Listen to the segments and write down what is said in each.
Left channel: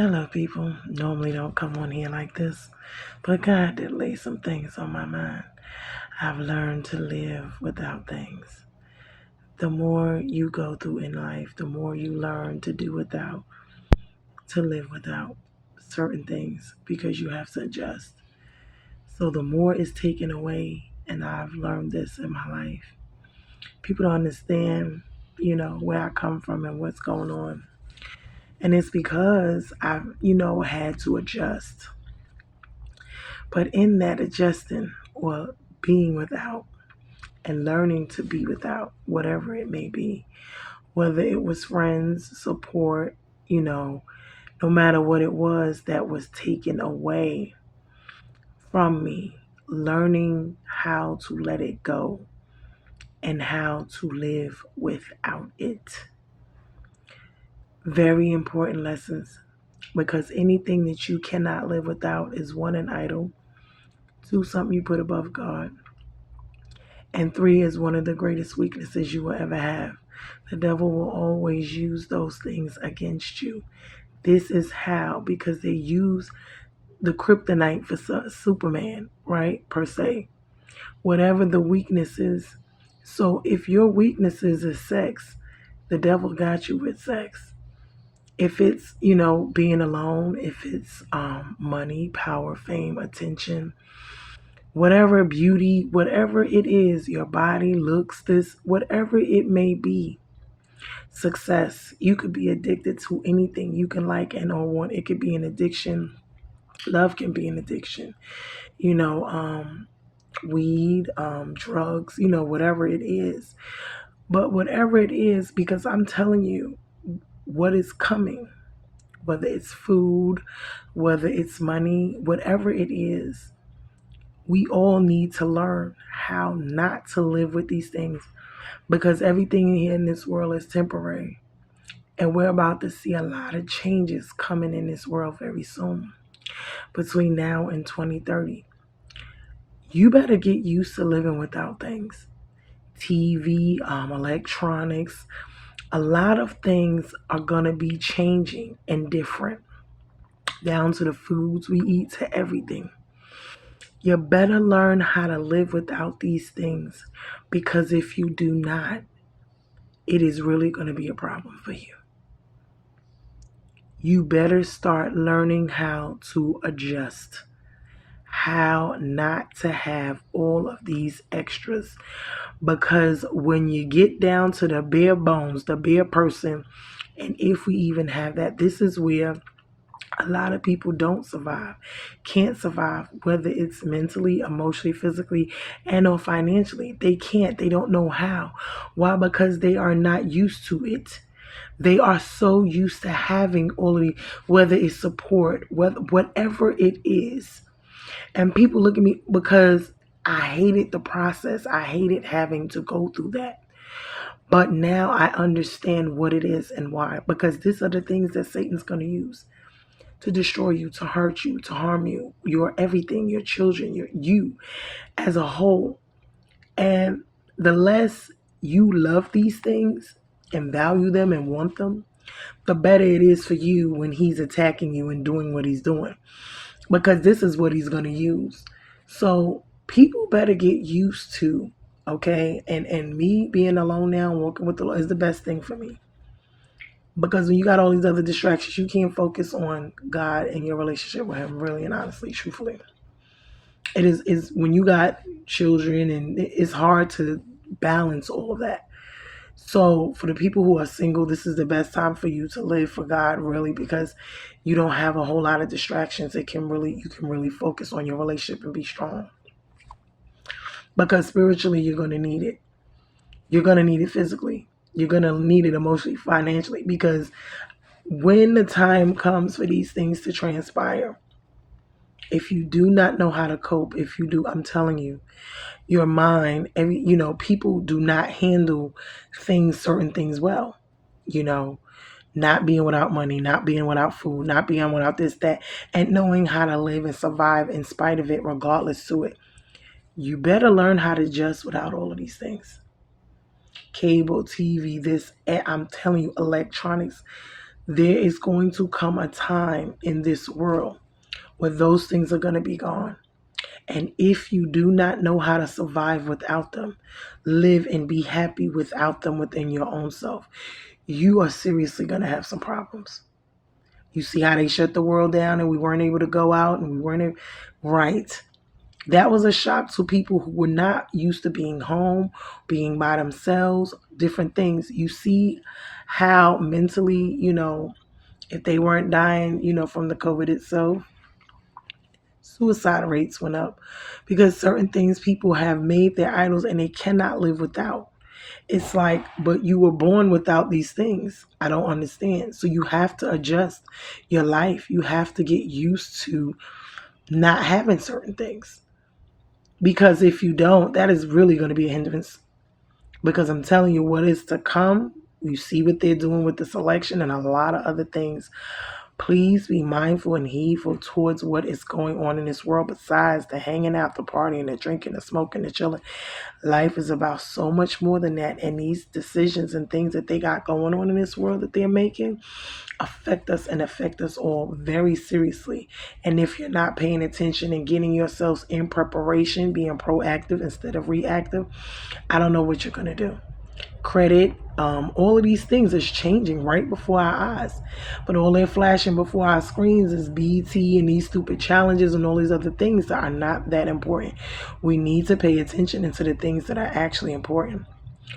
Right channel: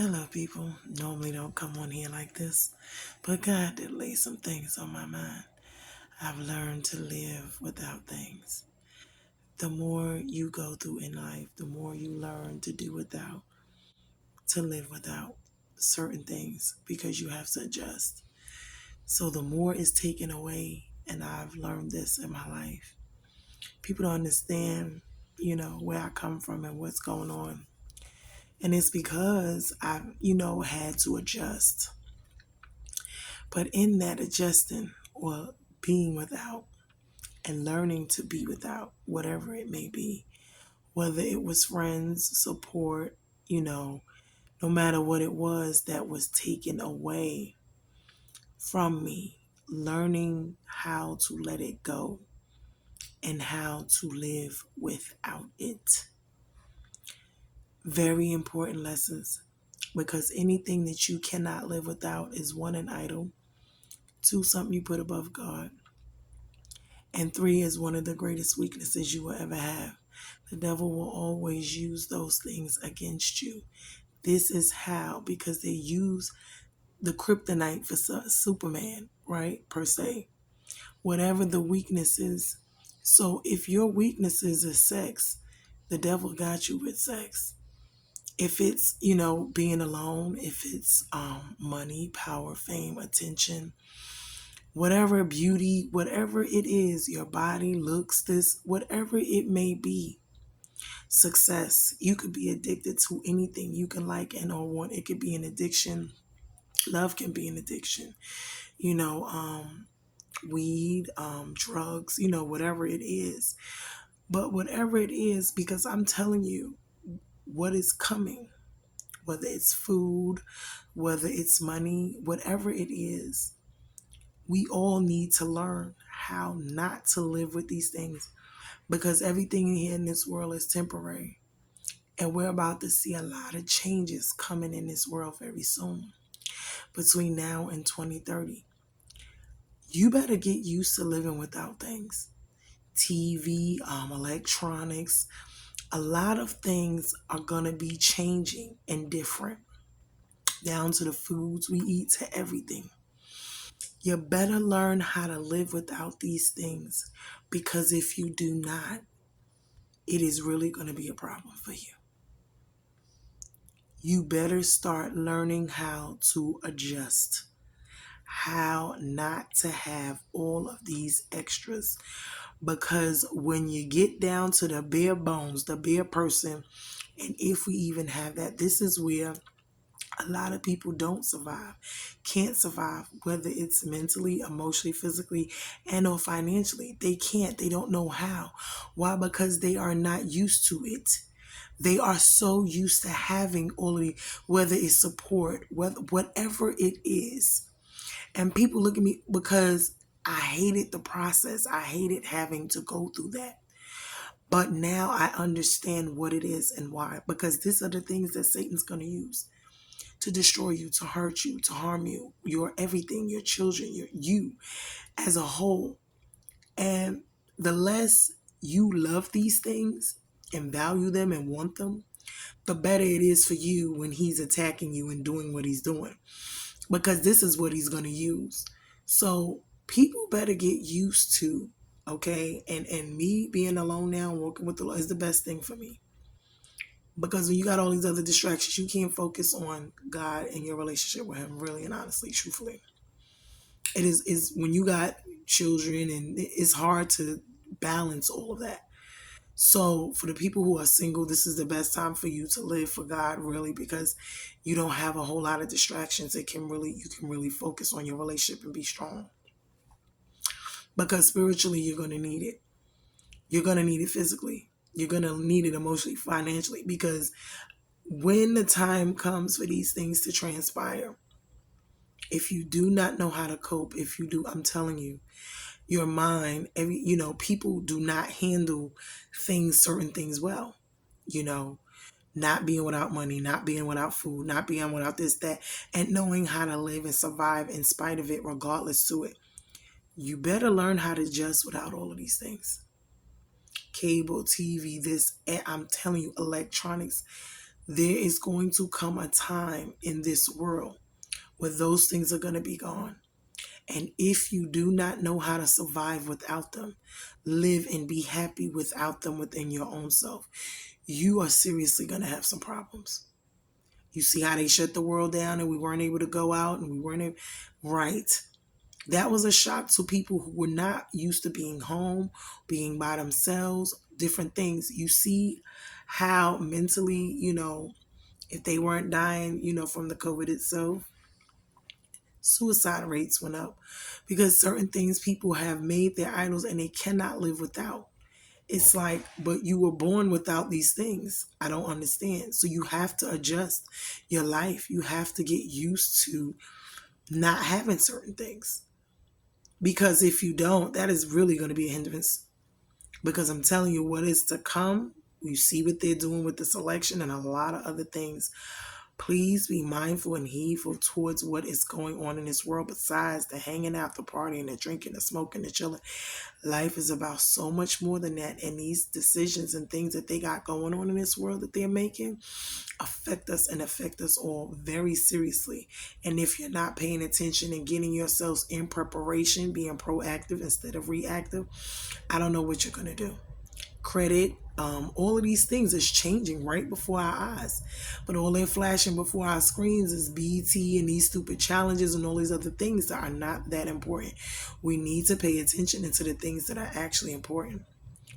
Hello, people. Normally don't come on here like this, but God did lay some things on my mind. I've learned to live without things. The more you go through in life, the more you learn to do without, to live without certain things because you have to adjust. So the more is taken away, and I've learned this in my life. People don't understand, where I come from and what's going on. And it's because I've, had to adjust. But in that adjusting or being without and learning to be without, whatever it may be, whether it was friends, support, no matter what it was that was taken away from me, learning how to let it go and how to live without it. Very important lessons because anything that you cannot live without is one, an idol, two, something you put above God, and three is one of the greatest weaknesses you will ever have. The devil will always use those things against you. This is how, because they use the kryptonite for Superman, right? Per se. Whatever the weakness is. So if your weaknesses is sex, the devil got you with sex. If it's, being alone, if it's money, power, fame, attention, whatever beauty, whatever it is, your body looks, this, whatever it may be, success. You could be addicted to anything you can like and or want. It could be an addiction. Love can be an addiction. You know, weed, drugs, whatever it is. But whatever it is, because I'm telling you what is coming, whether it's food, whether it's money, whatever it is, we all need to learn how not to live with these things because everything here in this world is temporary. And we're about to see a lot of changes coming in this world very soon between now and 2030. You better get used to living without things. TV, electronics, a lot of things are going to be changing and different, down to the foods we eat, to everything. You better learn how to live without these things because if you do not, it is really going to be a problem for you. You better start learning how to adjust, how not to have all of these extras. Because when you get down to the bare bones, the bare person, and if we even have that, this is where a lot of people don't survive, can't survive, whether it's mentally, emotionally, physically, and or financially. They can't. They don't know how. Why? Because they are not used to it. They are so used to having all of the, whether it's support, whatever it is. And people look at me because I hated the process. I hated having to go through that. But now I understand what it is and why. Because these are the things that Satan's going to use to destroy you, to hurt you, to harm you, your everything, your children, you as a whole. And the less you love these things and value them and want them, the better it is for you when he's attacking you and doing what he's doing. Because this is what he's going to use. So people better get used to, okay? And me being alone now and working with the Lord is the best thing for me. Because when you got all these other distractions, you can't focus on God and your relationship with him, really and honestly, truthfully. It is when you got children and it's hard to balance all of that. So for the people who are single, this is the best time for you to live for God, really, because you don't have a whole lot of distractions. You can really focus on your relationship and be strong. Because spiritually, you're going to need it. You're going to need it physically. You're going to need it emotionally, financially, because when the time comes for these things to transpire, if you do not know how to cope, if you do, I'm telling you, your mind, people do not handle certain things well, not being without money, not being without food, not being without this, that, and knowing how to live and survive in spite of it, regardless to it. You better learn how to adjust without all of these things. Cable, TV, this, I'm telling you, electronics, There is going to come a time in this world where those things are going to be gone. And if you do not know how to survive without them, live and be happy without them within your own self, you are seriously going to have some problems. You see how they shut the world down and we weren't able to go out and we weren't able, right. That was a shock to people who were not used to being home, being by themselves, different things. You see how mentally, if they weren't dying, from the COVID itself, suicide rates went up because certain things people have made their idols and they cannot live without. It's like, but you were born without these things. I don't understand. So you have to adjust your life. You have to get used to not having certain things. Because if you don't, that is really going to be a hindrance. Because I'm telling you what is to come. You see what they're doing with this election and a lot of other things. Please be mindful and heedful towards what is going on in this world besides the hanging out, the partying, the drinking, the smoking, the chilling. Life is about so much more than that. And these decisions and things that they got going on in this world that they're making affect us and affect us all very seriously. And if you're not paying attention and getting yourselves in preparation, being proactive instead of reactive, I don't know what you're going to do. Credit, all of these things is changing right before our eyes, but all they're flashing before our screens is BT and these stupid challenges and all these other things that are not that important. We need to pay attention into the things that are actually important,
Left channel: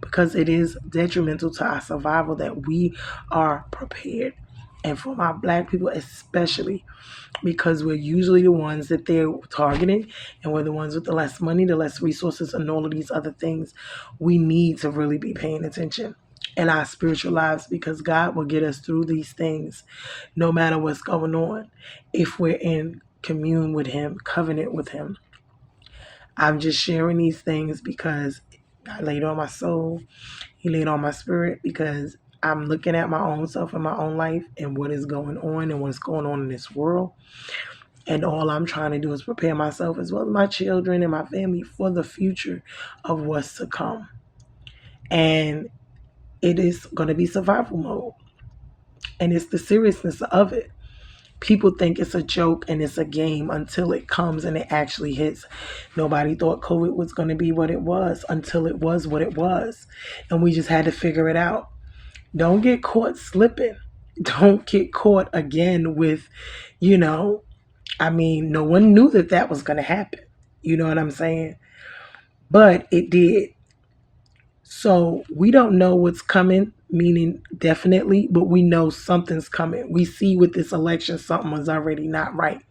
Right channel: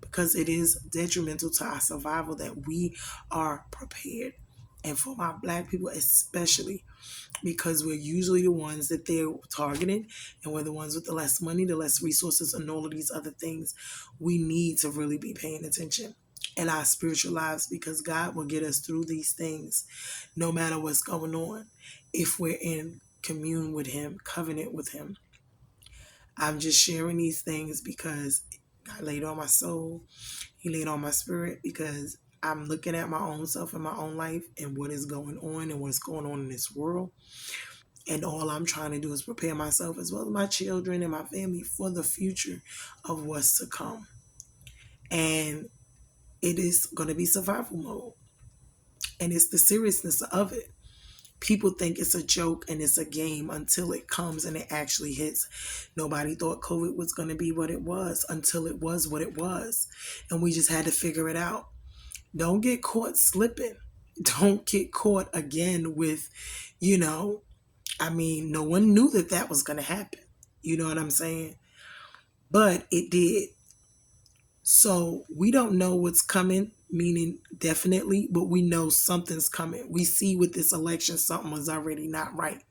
because it is detrimental to our survival that we are prepared. And for my Black people especially, because we're usually the ones that they're targeting, and we're the ones with the less money, the less resources, and all of these other things. We need to really be paying attention in our spiritual lives, because God will get us through these things no matter what's going on if we're in commune with Him, covenant with Him. I'm just sharing these things because God laid on my soul. He laid on my spirit, because I'm looking at my own self and my own life and what is going on and what's going on in this world. And all I'm trying to do is prepare myself as well as my children and my family for the future of what's to come. And it is going to be survival mode. And it's the seriousness of it. People think it's a joke and it's a game until it comes and it actually hits. Nobody thought COVID was going to be what it was until it was what it was. And we just had to figure it out. Don't get caught slipping. Don't get caught again with, no one knew that was going to happen. You know what I'm saying? But it did. So we don't know what's coming, meaning definitely, but we know something's coming. We see with this election, something was already not right.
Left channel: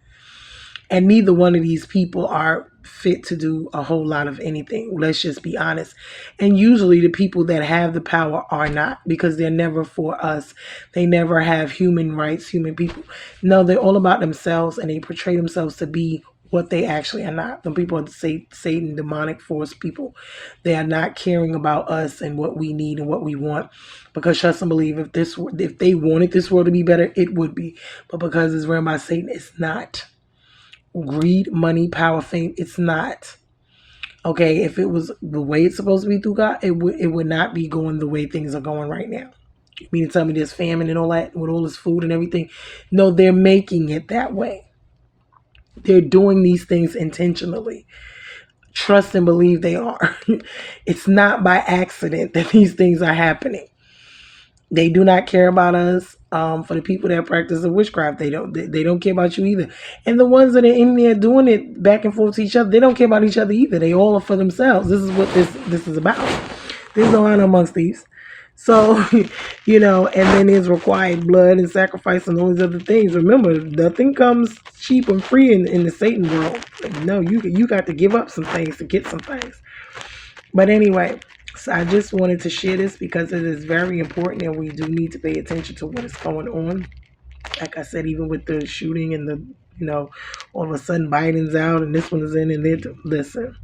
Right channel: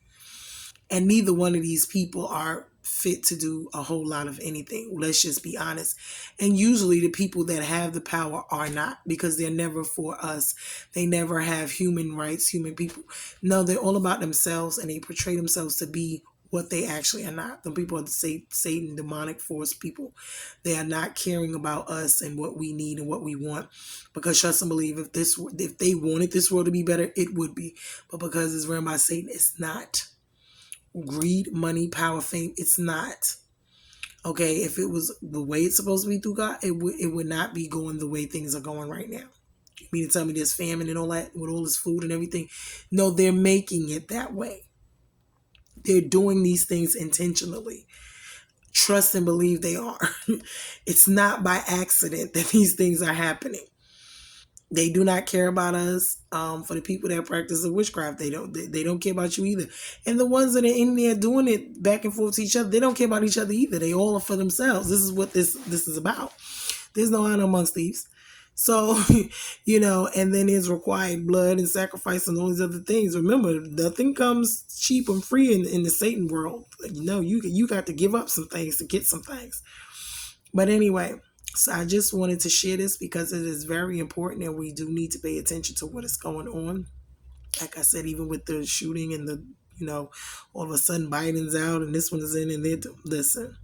And neither one of these people are fit to do a whole lot of anything. Let's just be honest. And usually the people that have the power are not, because they're never for us. They never have human rights, human people. No, they're all about themselves, and they portray themselves to be what they actually are not. The people are the Satan, demonic force people. They are not caring about us and what we need and what we want. Because trust and believe, if they wanted this world to be better, it would be. But because it's run by Satan, it's not. Greed, money, power, fame, it's not. Okay, if it was the way it's supposed to be through God, it would not be going the way things are going right now. You mean to tell me there's famine and all that with all this food and everything? No, they're making it that way. They're doing these things intentionally. Trust and believe they are. It's not by accident that these things are happening. They do not care about us. For the people that practice the witchcraft, they don't care about you either. And the ones that are in there doing it back and forth to each other, they don't care about each other either. They all are for themselves. This is what this is about. There's no honor amongst thieves. So, and then there's required blood and sacrifice and all these other things. Remember, nothing comes cheap and free in the Satan world. No, you got to give up some things to get some things. But anyway, so I just wanted to share this because it is very important, and we do need to pay attention to what is going on. Like I said, even with the shooting and the, all of a sudden Biden's out and this one is in, and listen,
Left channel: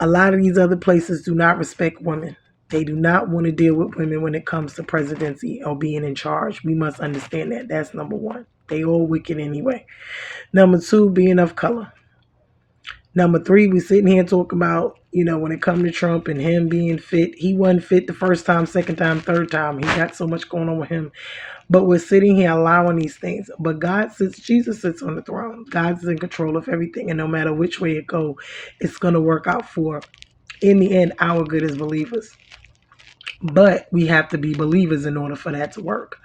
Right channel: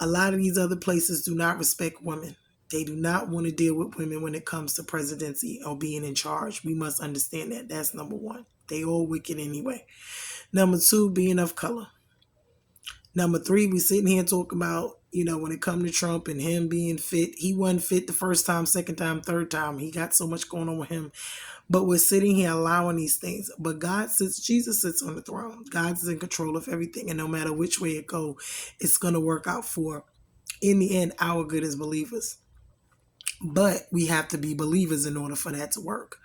a lot of these other places do not respect women. They do not want to deal with women when it comes to presidency or being in charge. We must understand that. That's number one. They all wicked anyway. Number two, being of color. Number three, we sitting here talking about, When it come to Trump and him being fit, he wasn't fit the first time, second time, third time. He got so much going on with him. But we're sitting here allowing these things. But Jesus sits on the throne. God's in control of everything. And no matter which way it go, it's going to work out for, in the end, our good as believers. But we have to be believers in order for that to work.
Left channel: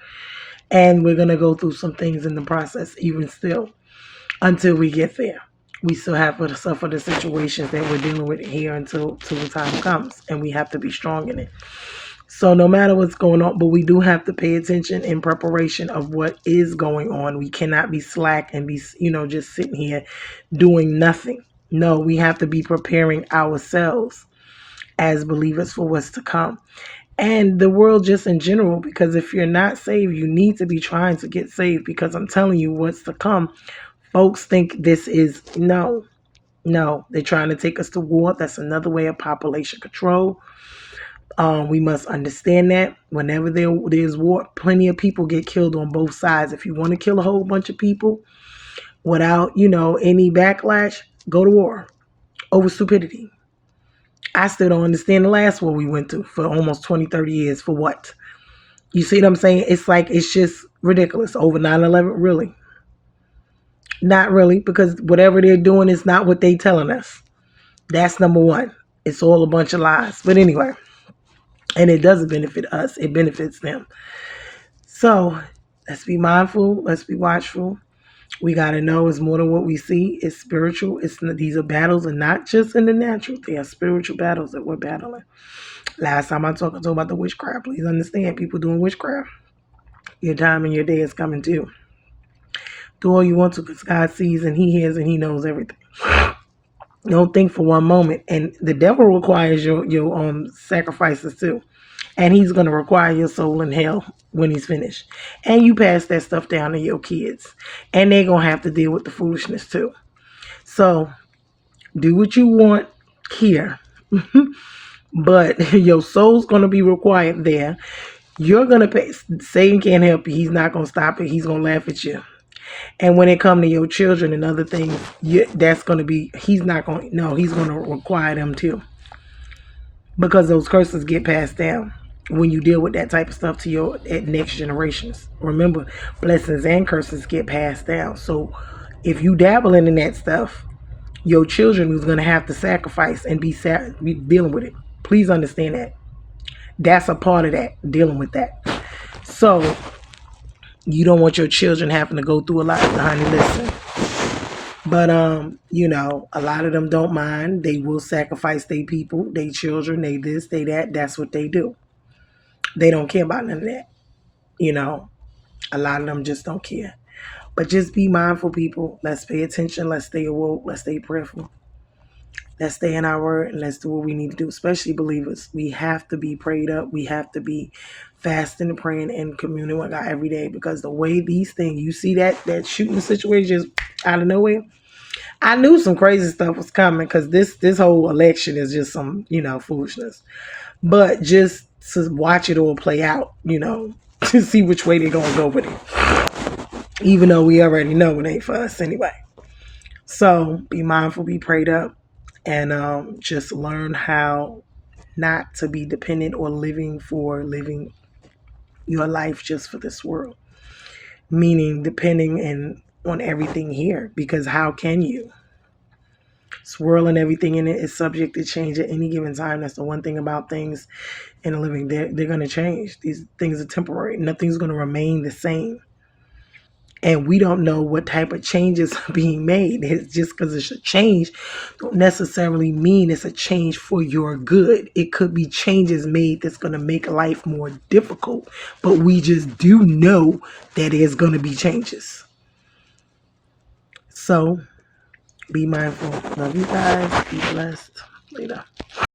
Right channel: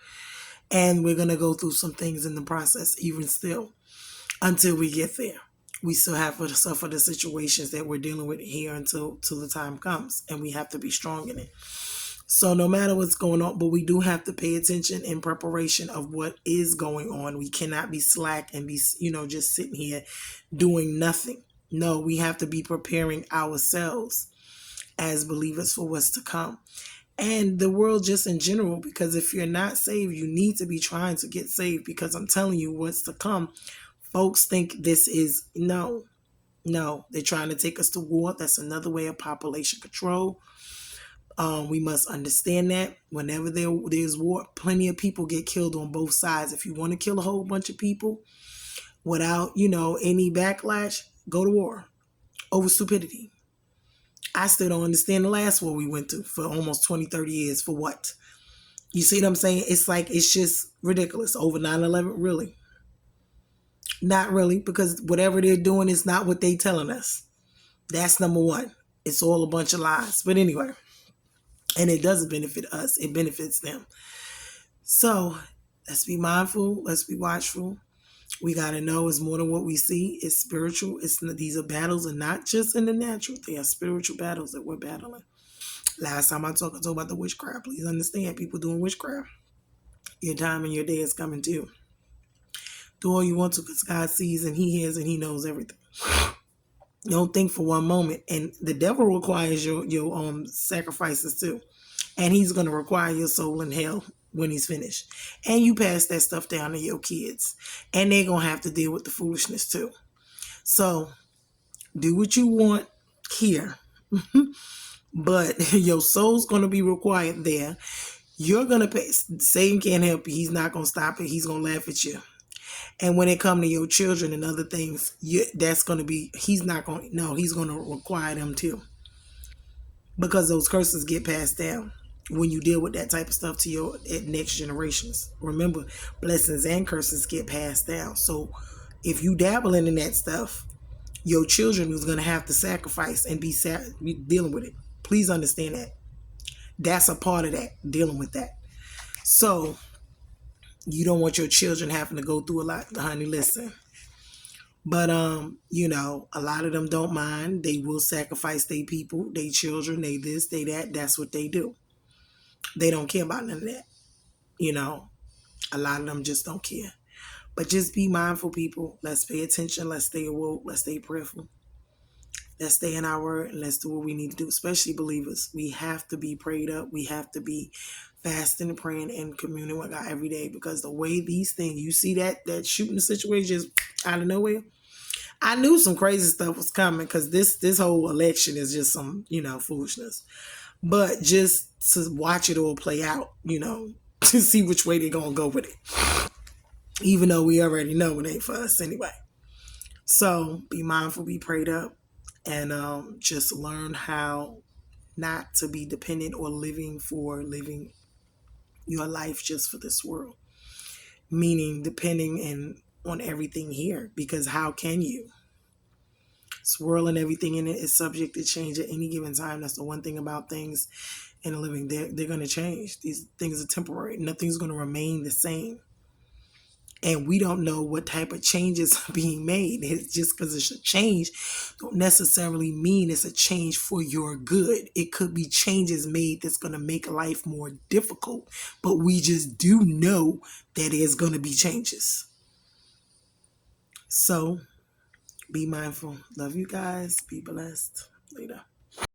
And we're going to go through some things in the process, even still, until we get there. We still have to suffer the situations that we're dealing with here until the time comes. And we have to be strong in it. So no matter what's going on, but we do have to pay attention in preparation of what is going on. We cannot be slack and be, just sitting here doing nothing. No, we have to be preparing ourselves as believers for what's to come. And the world just in general, because if you're not saved, you need to be trying to get saved, because I'm telling you what's to come. Folks think this is, no, they're trying to take us to war. That's another way of population control. We must understand that whenever there's war, plenty of people get killed on both sides. If you want to kill a whole bunch of people without, any backlash, go to war over stupidity. I still don't understand the last war we went to for almost 20, 30 years. For what? You see what I'm saying? It's just ridiculous. Over 9/11, really? Not really, because whatever they're doing is not what they're telling us. That's number one. It's all a bunch of lies. But anyway, and it doesn't benefit us. It benefits them. So let's be mindful. Let's be watchful. We got to know it's more than what we see. It's spiritual. These are battles, and not just in the natural. They are spiritual battles that we're battling. Last time I talked about the witchcraft. Please understand, people doing witchcraft. Your time and your day is coming too. Do all you want to, because God sees and He hears and He knows everything. Don't think for one moment. And the devil requires your sacrifices too. And he's going to require your soul in hell when he's finished. And you pass that stuff down to your kids. And they're going to have to deal with the foolishness too. So do what you want here. But your soul's going to be required there. You're going to pay. Satan can't help you. He's not going to stop it. He's going to laugh at you. And when it comes to your children and other things, that's going to be, he's going to require them too. Because those curses get passed down when you deal with that type of stuff to your next generations. Remember, blessings and curses get passed down. So if you dabbling in that stuff, your children is going to have to sacrifice and be dealing with it. Please understand that. That's a part of that, dealing with that. So you don't want your children having to go through a lot, honey, listen. But, a lot of them don't mind. They will sacrifice their people, their children, they this, they that. That's what they do. They don't care about none of that. A lot of them just don't care. But just be mindful, people. Let's pay attention. Let's stay awoke. Let's stay prayerful. Let's stay in our word, and let's do what we need to do, especially believers. We have to be prayed up. We have to be fasting and praying and communing with God every day, because the way these things, you see that shooting situation just out of nowhere. I knew some crazy stuff was coming, because this whole election is just some, foolishness. But just to watch it all play out, to see which way they're going to go with it. Even though we already know it ain't for us anyway. So be mindful, be prayed up, and just learn how not to be dependent or living your life just for this world. Meaning depending on everything here, because how can you? This world and everything in it is subject to change at any given time. That's the one thing about things in a living. They're going to change. These things are temporary. Nothing's going to remain the same. And we don't know what type of changes are being made. It's just because it's a change don't necessarily mean it's a change for your good. It could be changes made that's going to make life more difficult. But we just do know that there's going to be changes. So be mindful. Love you guys. Be blessed. Later.